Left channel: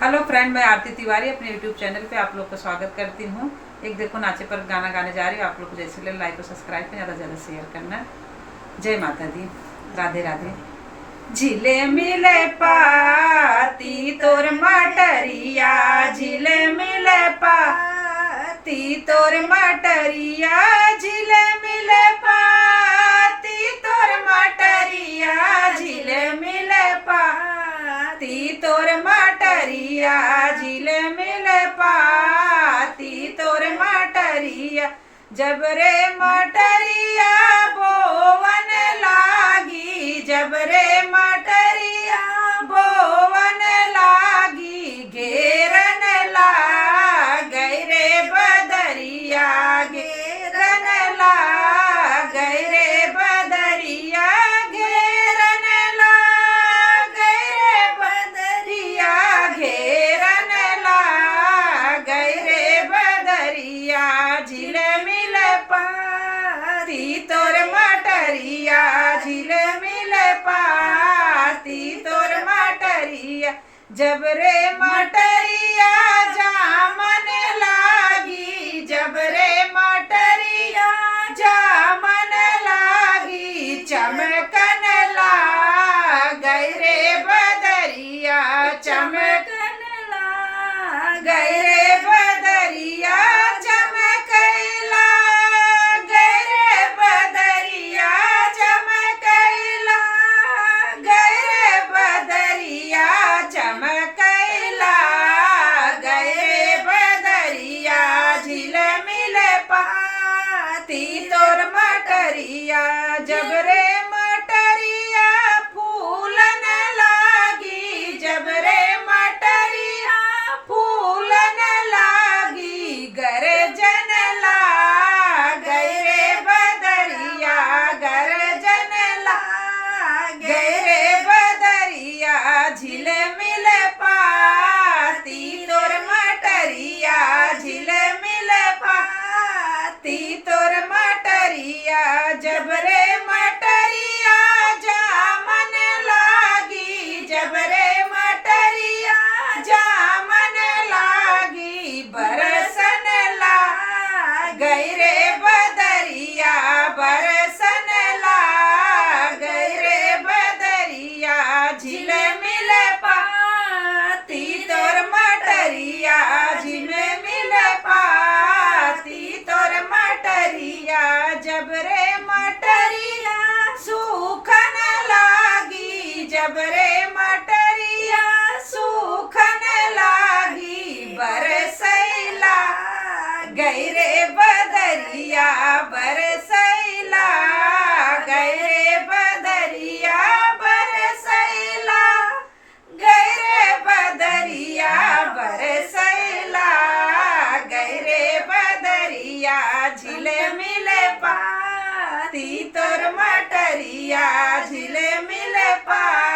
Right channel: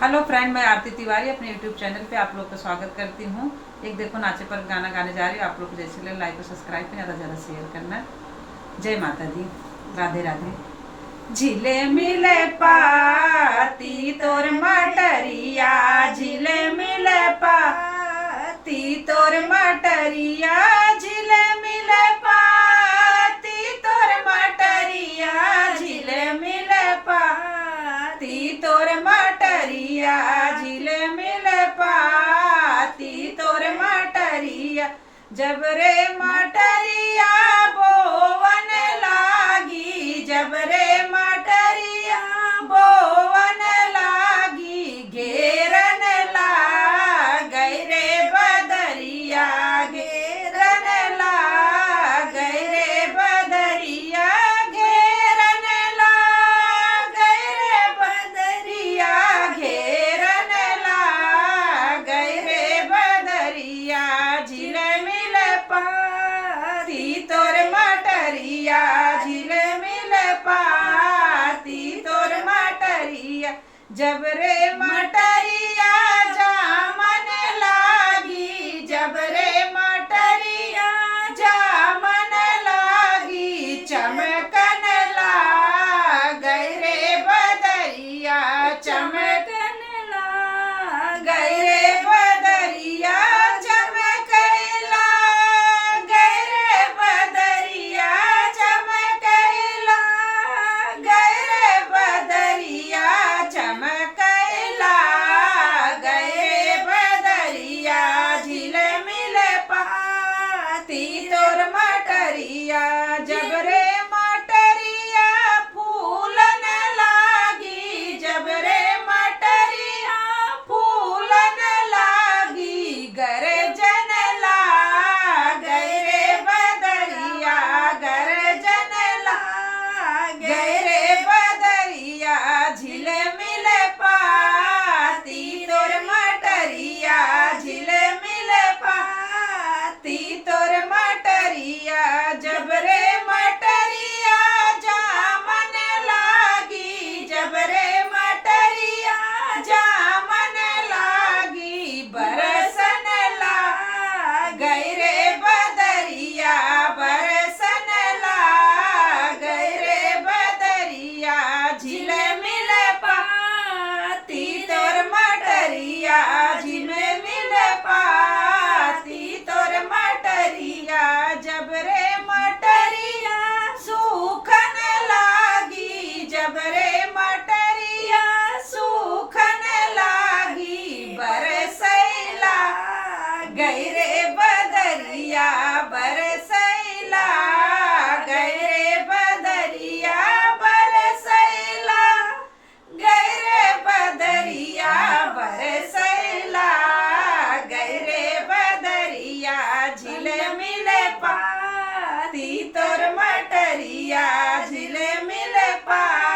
Hello friend, मैं आरती तिवारी अपने YouTube channel पे आप लोग का स्वागत करती हूँ। एक देखो नाचे पर गाना गाने जा रही हूँ। आप लोग को जैसे लगे लाइक और सब्सक्राइब पे ज़्यादा ज़्यादा शेयर करना। जय माता दी, राधे राधे। झिले मिले पाती तोर मटरिया, झिले मिले पाती तोर मटरिया, झिले मिले पाती तोर मटरिया, झिले मिले पाती तोर मटरिया, झिले मिले पाती तोर मटरिया। जब रे मटरिया बोवन लागी, जब रे मटरिया बोवन लागी, घेरन लागै रे बदरिया, घेरन लागै रे बदरिया, घेरन लागै रे बदरिया, घेरन लागै रे बदरिया। झिले मिले पाती तोर मटरिया, झिले मिले पाती तोर मटरिया। जब रे मटरिया जामन लागी, जब रे मटरिया जामन लागी, चमकन लागै रे बदरिया, चमकन लागै रे बदरिया, चमकैला गै रे बदरिया, चमकैला गै रे बदरिया, चमकैला गै रे बदरिया। झिले मिले पाती तोर मटरिया, जब रे मटरिया फूलन लागी, जब रे मटरिया फूलन लागी, गरजन लागै रे बदरिया, गरजन लागै रे बदरिया। झिले मिले पाती तोर मटरिया, झिले मिले पाती तोर मटरिया। जब रे मटरिया जामन लागी, जब रे मटरिया जामन लागी, बरसन लागै रे बदरिया, बरसन लागै रे बदरिया। झिले मिले पाती तोर मटरिया, झिले मिले पाती तोर मटरिया। जब रे मटरिया सूखन लागी, जब रे मटरिया सूखन लागी, बरसैला गै रे बदरिया, बरसैला गै रे बदरिया, बरसैला गै रे बदरिया, बरसैला गै रे बदरिया। झिले मिले पाती तोर मटरिया, झिले मिले पाती